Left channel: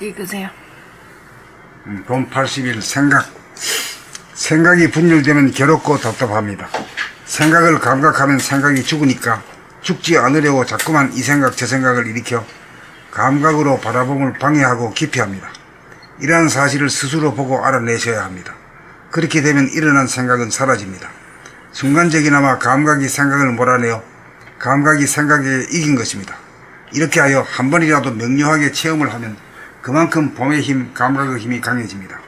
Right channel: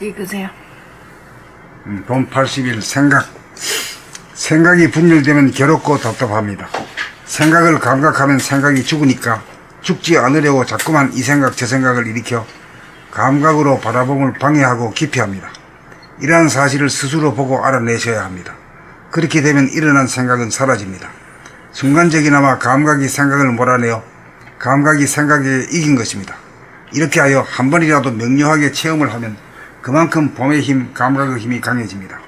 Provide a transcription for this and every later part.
읽으세요. 돈 80일 생각이 분열되면 괴롭고 답답합니다. 생각을 감각하면 생각이 죽으니까 죽지 않으려고 자꾸만 이 생각 저 생각을 일으켜 감각으로 바라봄을 방해하고 기피합니다. 이러한 사실을 스스로 보고 알아내셔야 합니다. 그렇게 되면 일어난 생각은 사라집니다. 순간적이나마 감각이 생각을 몰아내어 감각이 생각에 이긴 것입니다. 이렇게 하여 한 번이라도 명료하게 체험을 하면 그만큼 봄의 힘, 감각의 힘이 강해집니다.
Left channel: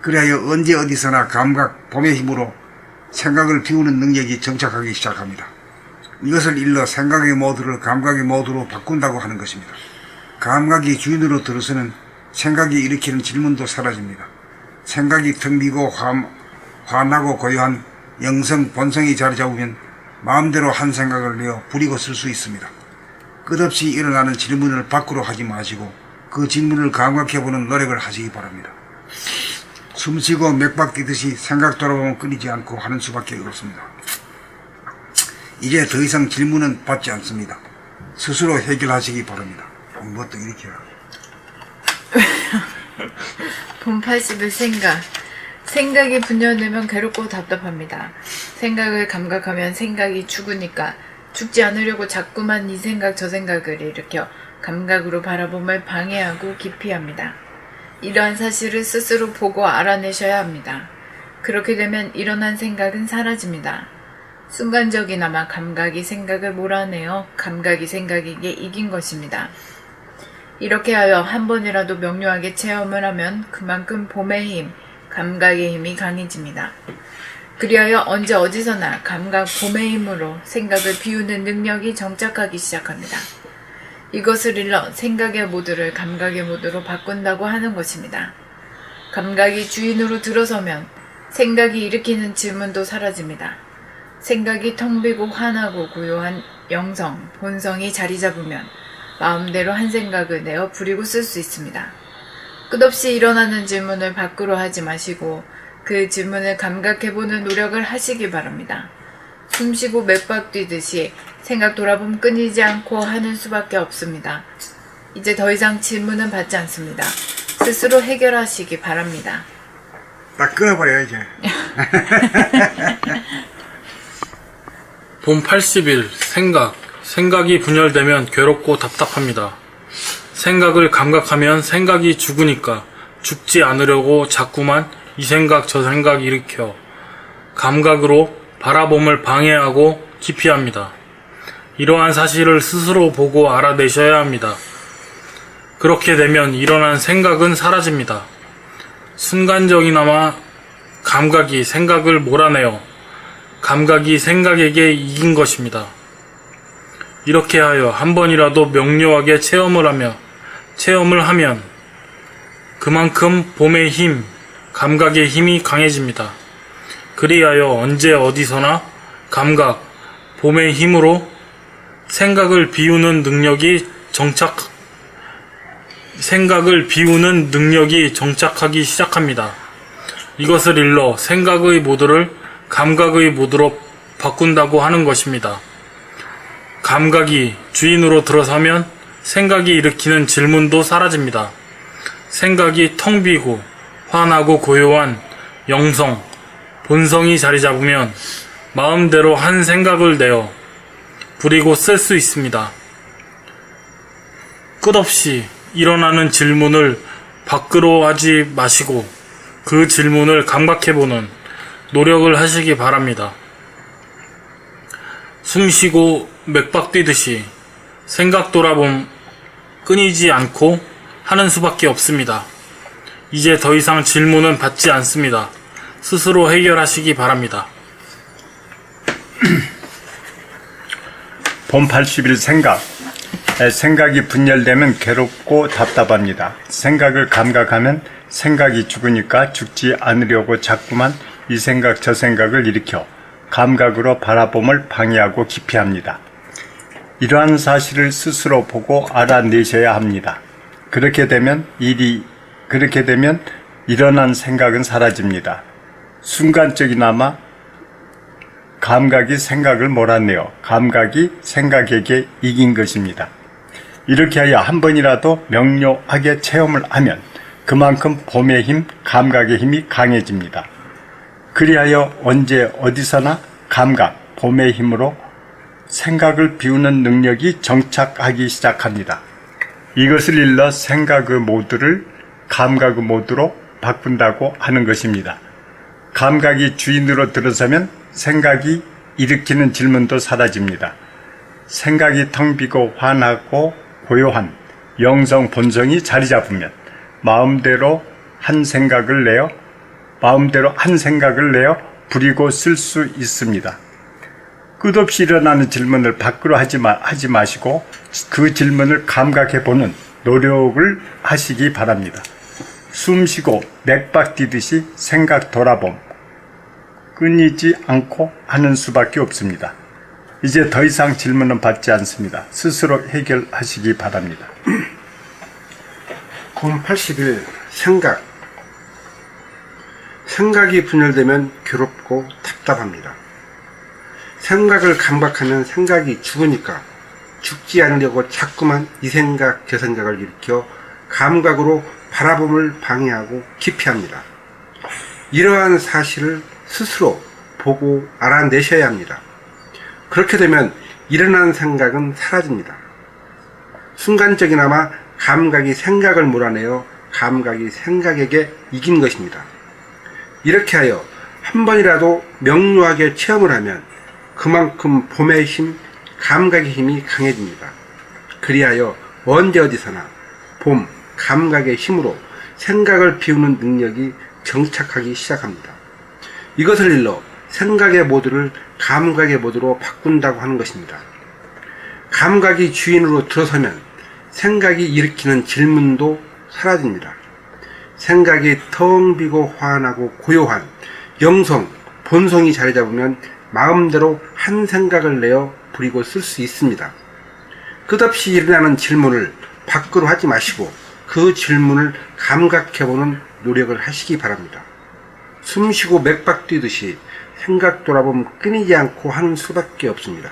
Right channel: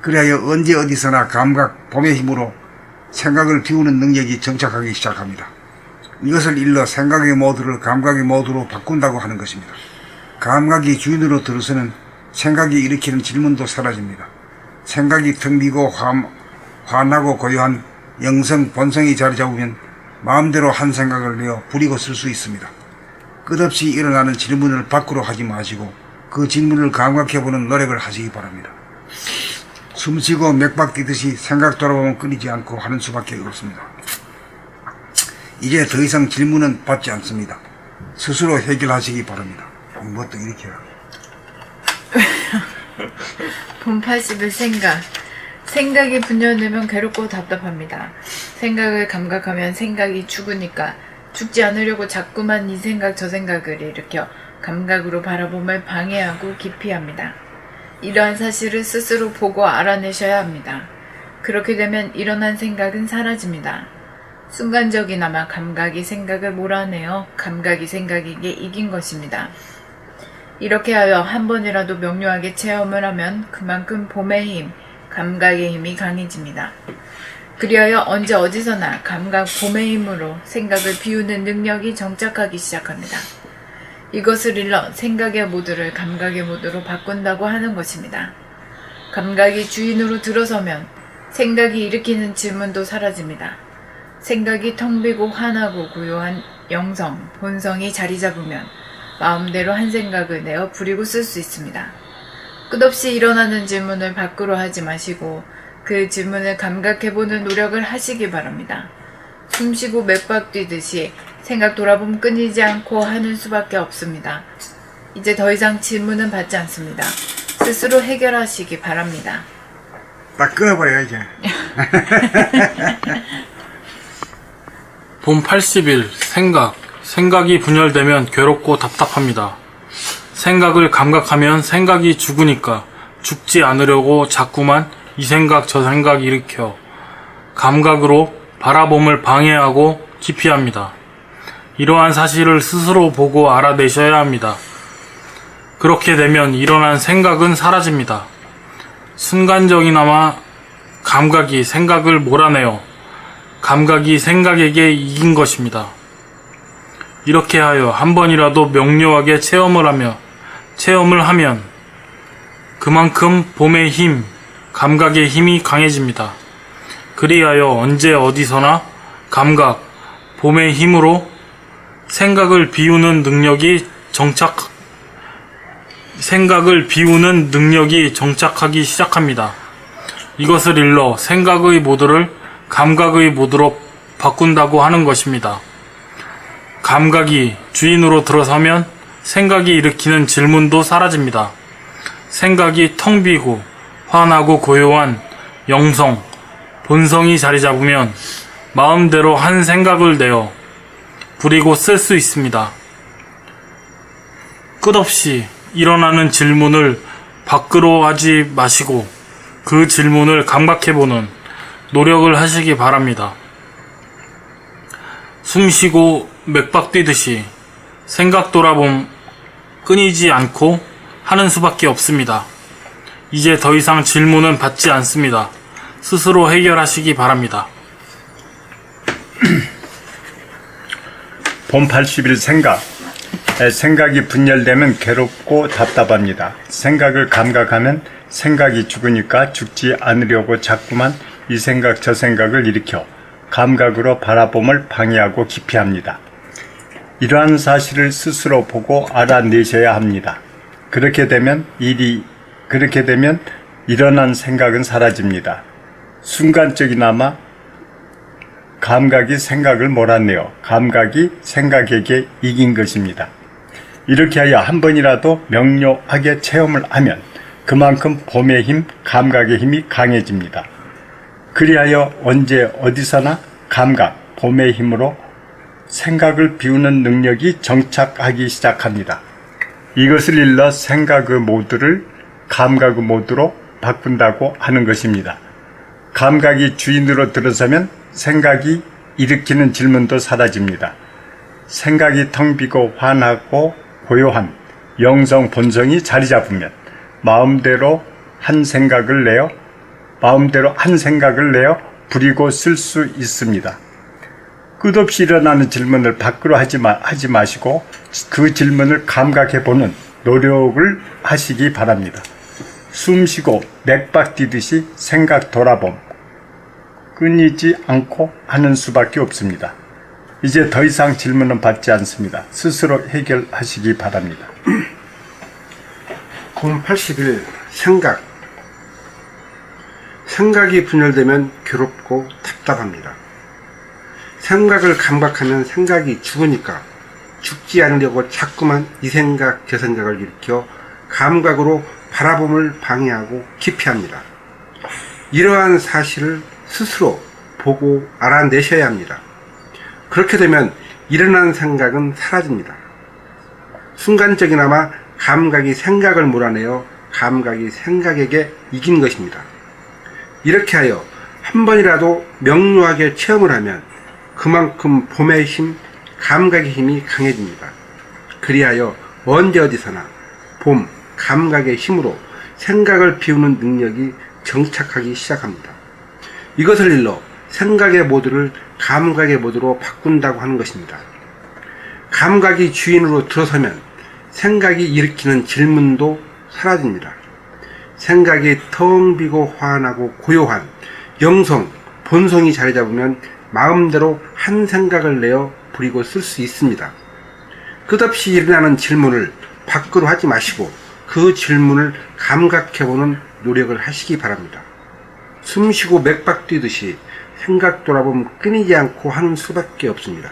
그리하여 언제 어디서나 감각, 봄의 힘으로 생각을 비우는 능력이 정착하기 시작합니다. 이것을 일러 생각의 모드를 감각의 모드로 바꾼다고 하는 것입니다. 감각이 주인으로 들어서는 생각이 일으키는 질문도 사라집니다. 생각이 텅 비고 환하고 고요한 영성, 본성이 자리 잡으면 마음대로 한 생각을 내어 부리고 쓸 수 있습니다. 끝없이 일어나는 질문을 밖으로 하지 마시고 그 질문을 감각해보는 노력을 하시기 바랍니다. 숨쉬고 맥박 뛰듯이 생각 돌아보면 끊이지 않고 하는 수밖에 없습니다. 이제 더 이상 질문은 받지 않습니다. 스스로 해결하시기 바랍니다. 이것도 이렇게 해요. 돈 80일 생각이 분열되면 괴롭고 답답합니다. 생각을 감각하면 생각이 죽으니까 죽지 않으려고 자꾸만 이 생각 저 생각을 일으켜 감각으로 바라봄을 방해하고 기피합니다. 이러한 사실을 스스로 보고 알아내셔야 합니다. 그렇게 되면 일어난 생각은 사라집니다. 순간적이나마 감각이 생각을 몰아내어 감각이 생각에게 이긴 것입니다. 이렇게 하여 한 번이라도 명료하게 체험을 하면 그만큼 봄의 힘, 감각의 힘이 강해집니다. 그리하여 언제 어디서나 감각 봄의 힘으로 생각을 비우는 능력이 정착하기 시작합니다. 이것을 일러 생각의 모드를 감각의 모드로 바꾼다고 하는 것입니다. 감각이 주인으로 들어서면 생각이 일으키는 질문도 사라집니다. 생각이 텅 비고 환하고 고요한 영성, 본성이 자리 잡으면 마음대로 한 생각을 내어 부리고 쓸 수 있습니다. 끝없이 일어나는 질문을 밖으로 하지 마시고 그 질문을 감각해보는 노력을 하시기 바랍니다. 숨쉬고 맥박 뛰듯이 생각 돌아보면 끊이지 않고 하는 수밖에 없습니다. 이제 더 이상 질문은 받지 않습니다. 스스로 해결하시기 바랍니다. 딱 끊어버려요 이제. 봄 80일 생각이 분열되면 괴롭고 답답합니다. 생각을 감각하면 생각이 죽으니까 죽지 않으려고 자꾸만 이 생각 저 생각 일으켜 감각으로 바라봄을 방해하고 기피합니다. 이러한 사실을 스스로 보고 알아내셔야 합니다. 그렇게 되면 일어난 생각은 사라집니다. 순간적이나마 감각이 생각을 몰아내어 감각이 생각에게 이긴 것입니다. 이렇게 하여 한 번이라도 명료하게 체험을 하면 그만큼 봄의 힘, 감각의 힘이 강해집니다. 그리하여 언제 어디서나 감각, 봄의 힘으로 생각을 비우는 능력이 정착하기 시작합니다. 이것을 일러 생각의 모드를 감각의 모드로 바꾼다고 하는 것입니다. 감각이 주인으로 들어서면 생각이 일으키는 질문도 사라집니다. 생각이 텅 비고 환하고 고요한 영성, 본성이 자리 잡으면 마음대로 한 생각을 내어 부리고 쓸 수 있습니다. 끝없이 일어나는 질문을 밖으로 하지 마시고 그 질문을 감각해보는 노력을 하시기 바랍니다. 숨쉬고 맥박 뛰듯이 생각 돌아봄 끊이지 않고 하는 수밖에 없습니다. 이제 더 이상 질문은 받지 않습니다. 스스로 해결하시기 바랍니다. 봄 80일 생각이 분열되면 괴롭고 답답합니다. 생각을 감각하면 생각이 죽으니까 죽지 않으려고 자꾸만 이 생각 저 생각을 일으켜 감각으로 바라봄을 방해하고 기피합니다. 이러한 사실을 스스로 보고 알아내셔야 합니다. 그렇게 되면 일어난 생각은 사라집니다. 순간적이나마 감각이 생각을 몰아내어 감각이 생각에게 이긴 것입니다. 이렇게 하여 한 번이라도 명료하게 체험을 하면 그만큼 봄의 힘, 감각의 힘이 강해집니다. 그리하여 언제 어디서나 감각, 봄의 힘으로 생각을 비우는 능력이 정착하기 시작합니다. 이것을 일러 생각의 모드를 감각의 모드로 바꾼다고 하는 것입니다. 감각이 주인으로 들어서면 생각이 일으키는 질문도 사라집니다. 생각이 텅 비고 환하고 고요한 영성 본성이 자리 잡으면 마음대로 한 생각을 내어 부리고 쓸 수 있습니다. 끝없이 일어나는 질문을 밖으로 하지 마시고 그 질문을 감각해보는 노력을 하시기 바랍니다. 숨 쉬고 맥박 뛰듯이 생각 돌아봄, 끊이지 않고 하는 수밖에 없습니다. 이제 더 이상 질문은 받지 않습니다. 스스로 해결하시기 바랍니다. 봄 80일 생각이 분열되면 괴롭고 답답합니다. 생각을 감각하면 생각이 죽으니까 죽지 않으려고 자꾸만 이 생각 저 생각을 일으켜 감각으로 바라봄을 방해하고 기피합니다. 이러한 사실을 스스로 보고 알아내셔야 합니다. 그렇게 되면 일어난 생각은 사라집니다. 순간적이나마 감각이 생각을 몰아내어 감각이 생각에게 이긴 것입니다. 이렇게 하여 한 번이라도 명료하게 체험을 하면 그만큼 봄의 힘, 감각의 힘이 강해집니다. 그리하여 언제 어디서나 봄, 감각의 힘으로 생각을 비우는 능력이 정착하기 시작합니다. 이것을 일러 생각의 모드를 감각의 모드로 바꾼다고 하는 것입니다. 감각이 주인으로 들어서면 생각이 일으키는 질문도 사라집니다. 생각이 텅 비고 환하고 고요한 영성, 본성이 자리 잡으면 마음대로 한 생각을 내어 부리고 쓸 수 있습니다. 끝없이 일어나는 질문을 밖으로 하지 마시고 그 질문을 감각해보는 노력을 하시기 바랍니다. 숨쉬고 맥박 뛰듯이 생각 돌아보면 끊이지 않고 하는 수밖에 없습니다.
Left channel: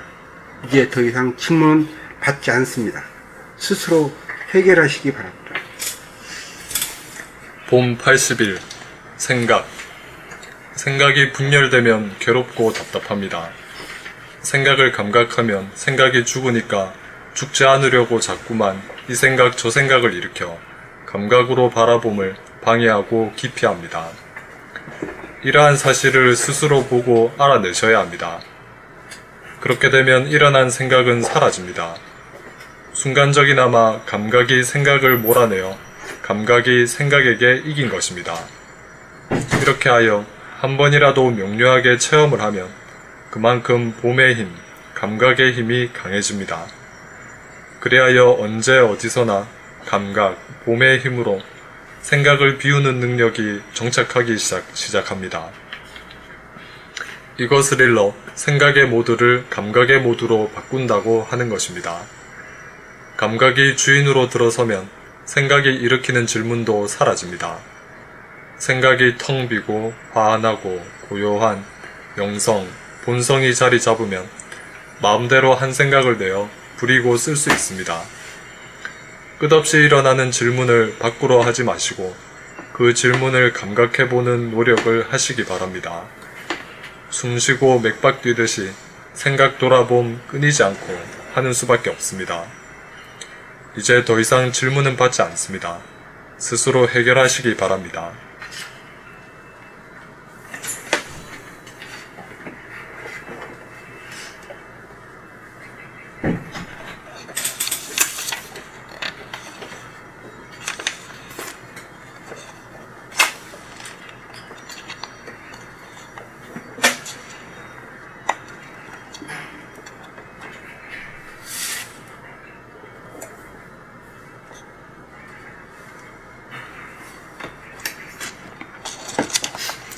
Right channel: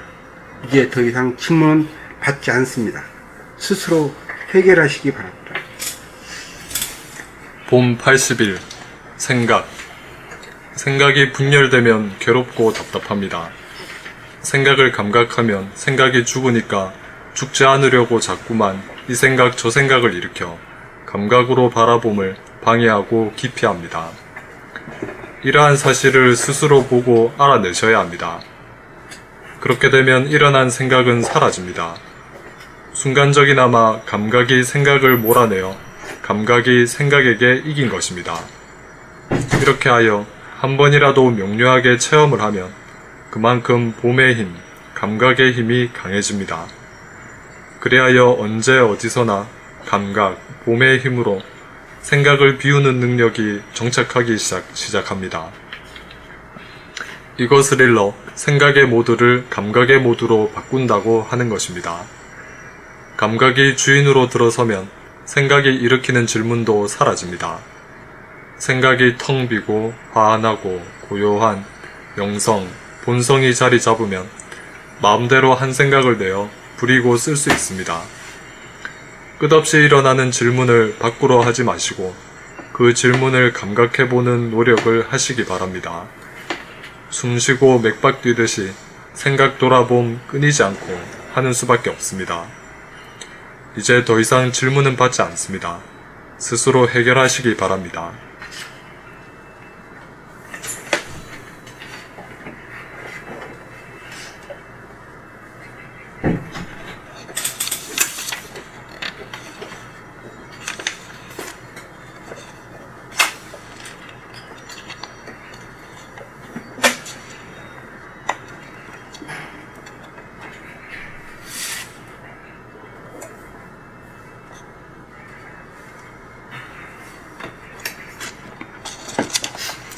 이제 더 이상 질문은 받지 않습니다. 스스로 해결하시기 바랍니다. 봄 80일 생각이 분열되면 괴롭고 답답합니다. 생각을 감각하면 생각이 죽으니까 죽지 않으려고 자꾸만 이 생각 저 생각을 일으켜 감각으로 바라봄을 방해하고 기피합니다. 이러한 사실을 스스로 보고 알아내셔야 합니다. 그렇게 되면 일어난 생각은 사라집니다. 순간적이나마 감각이 생각을 몰아내어 감각이 생각에게 이긴 것입니다. 이렇게 하여 한 번이라도 명료하게 체험을 하면 그만큼 봄의 힘, 감각의 힘이 강해집니다. 그리하여 언제 어디서나 감각, 봄의 힘으로 생각을 비우는 능력이 정착하기 시작합니다. 이것을 일러 생각의 모드를 감각의 모드로 바꾼다고 하는 것입니다. 감각이 주인으로 들어서면 생각이 일으키는 질문도 사라집니다. 생각이 텅 비고 환하고 고요한 영성, 본성이 자리 잡으면 마음대로 한 생각을 내어 부리고 쓸 수 있습니다. 끝없이 일어나는 질문을 밖으로 하지 마시고 그 질문을 감각해보는 노력을 하시기 바랍니다. 숨쉬고 맥박 뛰듯이 생각 돌아봄 끊이지 않고 하는 수밖에 없습니다. 이제 더 이상 질문은 받지 않습니다. 스스로 해결하시기 바랍니다.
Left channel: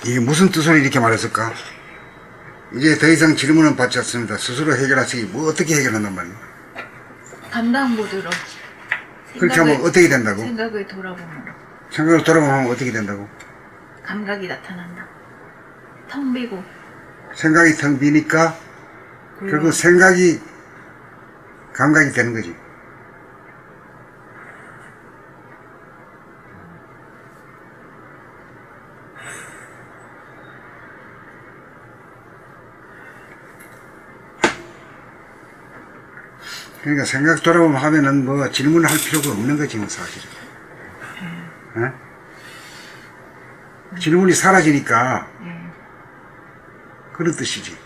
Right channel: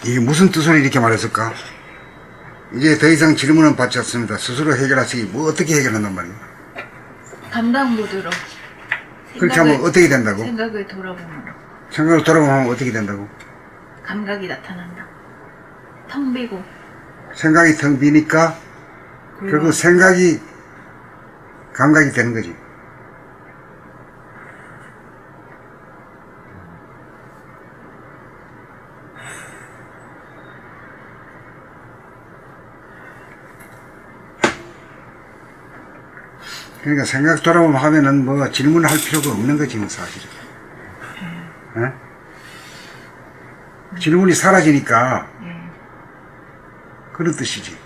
이게 무슨 뜻으로 이렇게 말했을까? 이제 더 이상 질문은 받지 않습니다. 스스로 해결하시기, 어떻게 해결한단 말이에요? 담당 모드로. 그렇게 하면 어떻게 된다고? 생각을 돌아봄으로. 생각을 돌아보면 어떻게 된다고? 감각이 나타난다. 텅 비고. 생각이 텅 비니까, 결국 생각이 감각이 되는 거지. 그러니까 생각 돌아보면 하면은 뭐 질문을 할 필요가 없는 거지, 뭐, 사실. 질문이 사라지니까 그런 뜻이지.